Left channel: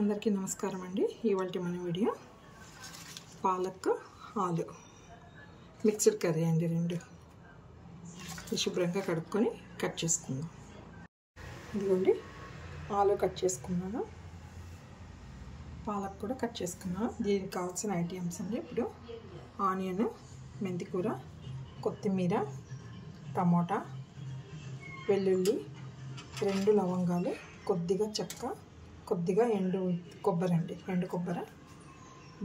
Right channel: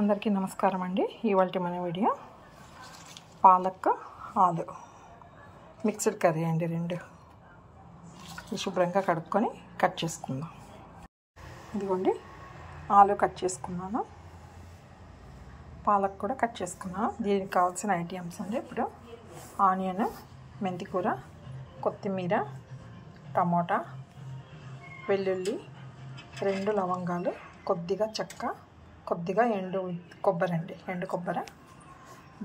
అందరికీ నమస్కారం అండి. ఇవాల్టి మన వీడియో పాలక్ ఆలు మిక్స్డ్ కర్రీ అండి. రెండు శుభ్రంగా కడుక్కొని కట్ చేసుకుందాం. ఇదిగోండి ఆలు కట్ చేసుకున్నాను, పాలక్ కూడా కట్ చేసుకున్నాను. దీనికి కావాల్సిన ఐటమ్స్ అండి. ఇప్పుడు ఆనియన్, మెంతికూర, కొత్తిమీర, టమోటా, వెల్లుల్లి, 2 లవంగాలు, కొద్దిగా చెక్క, కొద్దిగా ఎండు కొబ్బరి,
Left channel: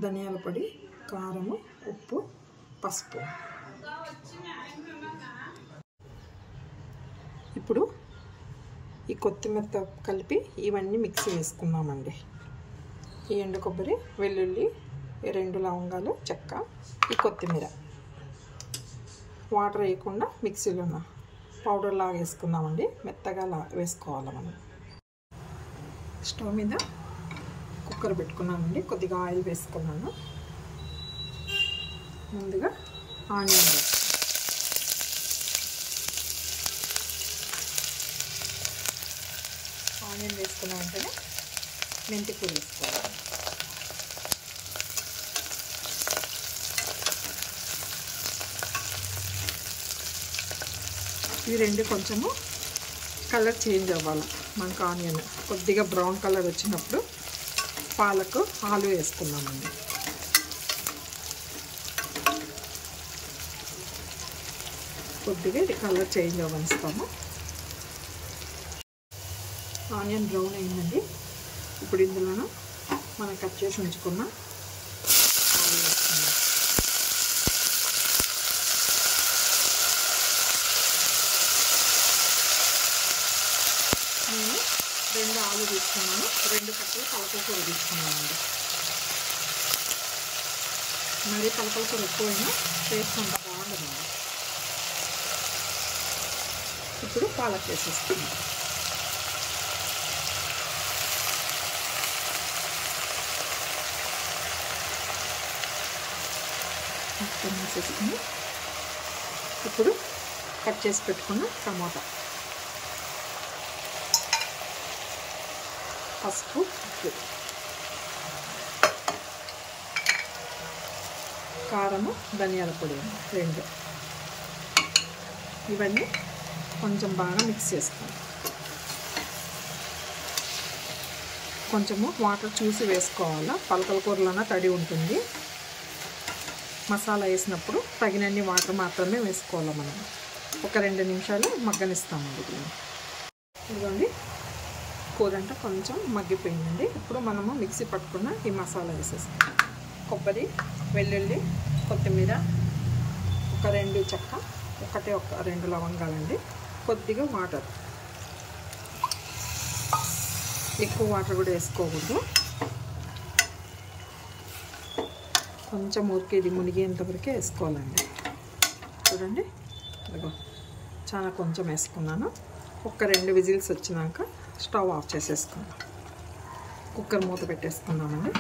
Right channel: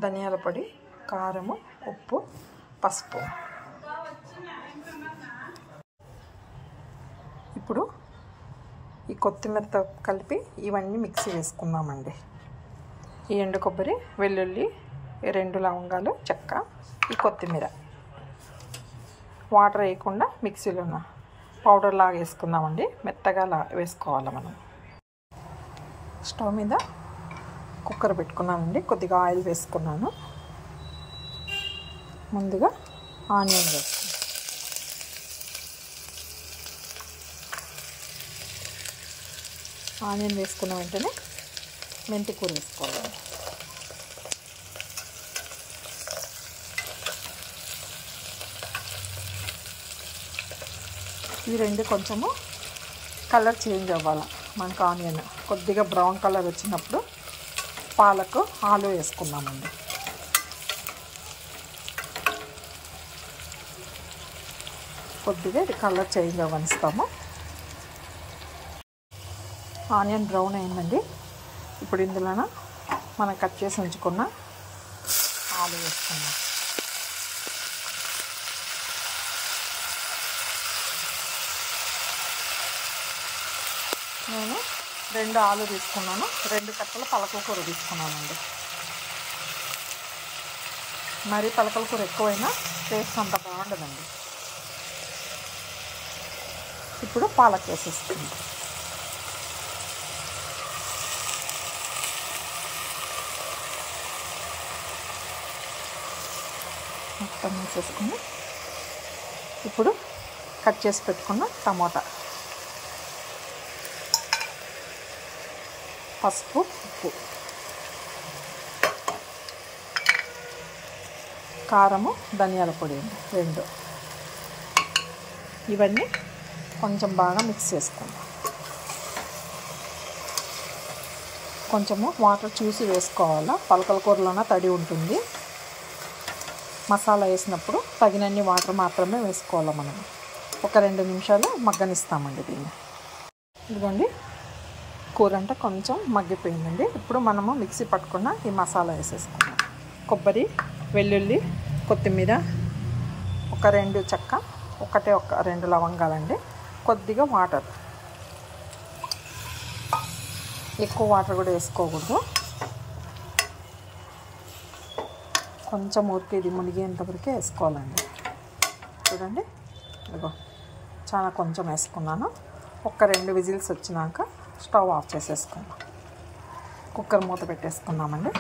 ధనియాల పొడి, కారము, ఉప్పు, పసుపు. ఇప్పుడు ఈ కొత్తిమీరతో కలిపి ఇవన్నీ మిక్సీ వేసుకుందామండి. ఈ ఎండు కొబ్బరి, వెల్లుల్లి, 2 లవంగాలు, చెక్క, ఈ కొత్తిమీర వాటర్ వేయకుండా మిక్సీలోన పౌడర్ లాగా వేసుకుందామండి. మెత్తగా వేసుకోవాలి మనం. స్టవ్ మీద కుక్కర్ పెట్టుకున్నానండి. కొద్దిగా ఆయిల్ వేసుకున్నాను. ముందుగా ఆనియన్ వేసుకున్నాను. ఆనియన్ వేసుకున్న వెంటనే మెంతికూర వేసుకోవాలి. ఈ రెండు కొంచెము కలర్ చేంజ్ అవ్వాలి మనకు. ఆనియన్ కొద్దిగా బ్రౌన్ కలర్ వచ్చినప్పుడు పాలకు ఆలు వేసుకుందామండి. కొద్దిగా ఇది కలర్ చేంజ్ అవ్వనిస్తాము. ఆనియన్ బ్రౌన్ అయిందండి. ఇప్పుడు ఇందులోన మనం కట్ చేసి ఉంచుకున్న ఆలు వేసుకుందాం. నేను 2 ఆలు తీసుకున్నాను, 2 కట్టల పలకల కూర తీసుకున్నానండి. మరి పలకల కూర ఎక్కువైనా టేస్ట్ అంత బాగుండదండి. ఇప్పుడు పాలక్ వేసేస్తుంది. మొత్తం వేసేసుకుని ఇప్పుడు కట్ చేసి పెట్టుకున్న టమోటా, పసుపు, ఉప్పు, కారము, ధనియాల పొడి 2 ఇవన్నీ కొంచెం బాగా మిక్స్ చేసుకుంటాం. కొంచెము వాటర్ చూసి వేసుకోవాలా. పలకల కూరలోన తడి ఉంటుంది. మసాలా వేసినప్పుడు తగినన్ని వాటర్ మాత్రమే వేసుకోవాలి మనం. ఒక 2 నిమిషాలు మగ్గనిస్తామండి దీన్ని. ఇదిగోండి కూర అంటే కొంచెం మగ్గిపోయిందండి. ఇప్పుడు మనము మిక్సీ పట్టుకున్న ఈ మసాలా వేసేసుకుందాం. కొబ్బరి, వెల్లుల్లి, కొత్తిమీర, ఒక 2 చెక్క, ఒక 2 లవంగాలండి. కొద్దిగా వాటర్, ఎక్కువ వాటర్ కూడా వేసుకోకూడదు. కొంచెం ఊరికి ఇది మునిగేంతవరకే వేసుకోవాలండి. చూడండి ఇదిగో చాలా కొంచెం వేసుకున్నాను. ఒక 2 విజిల్స్ వచ్చినాక స్టవ్ ఆఫ్ చేసేసుకుందాం. కుక్కర్ మూత పెట్టేసుకున్నామండి.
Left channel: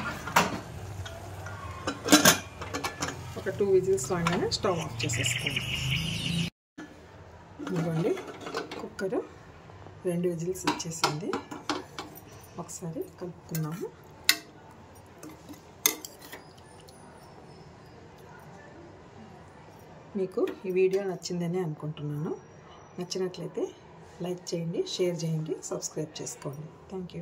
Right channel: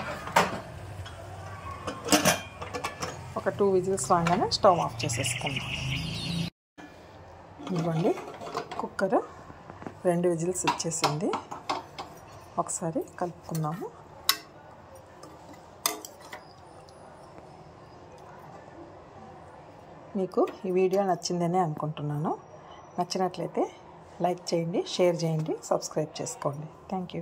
ఒక 2 విజిల్స్ రాగానే స్టవ్ ఆఫ్ చేసేసుకుందాం. ఇదిగోండి కుక్కర్ 2 విజిల్స్ వచ్చేసింది. ఒకసారి కలుపుకుందాము. మీకు ఈ వీడియో నచ్చిందనే అనుకుంటున్నాను. నచ్చినట్లయితే లైక్ చేయండి, షేర్ చేయండి, సబ్స్క్రైబ్ చేసుకోండి. Thank you.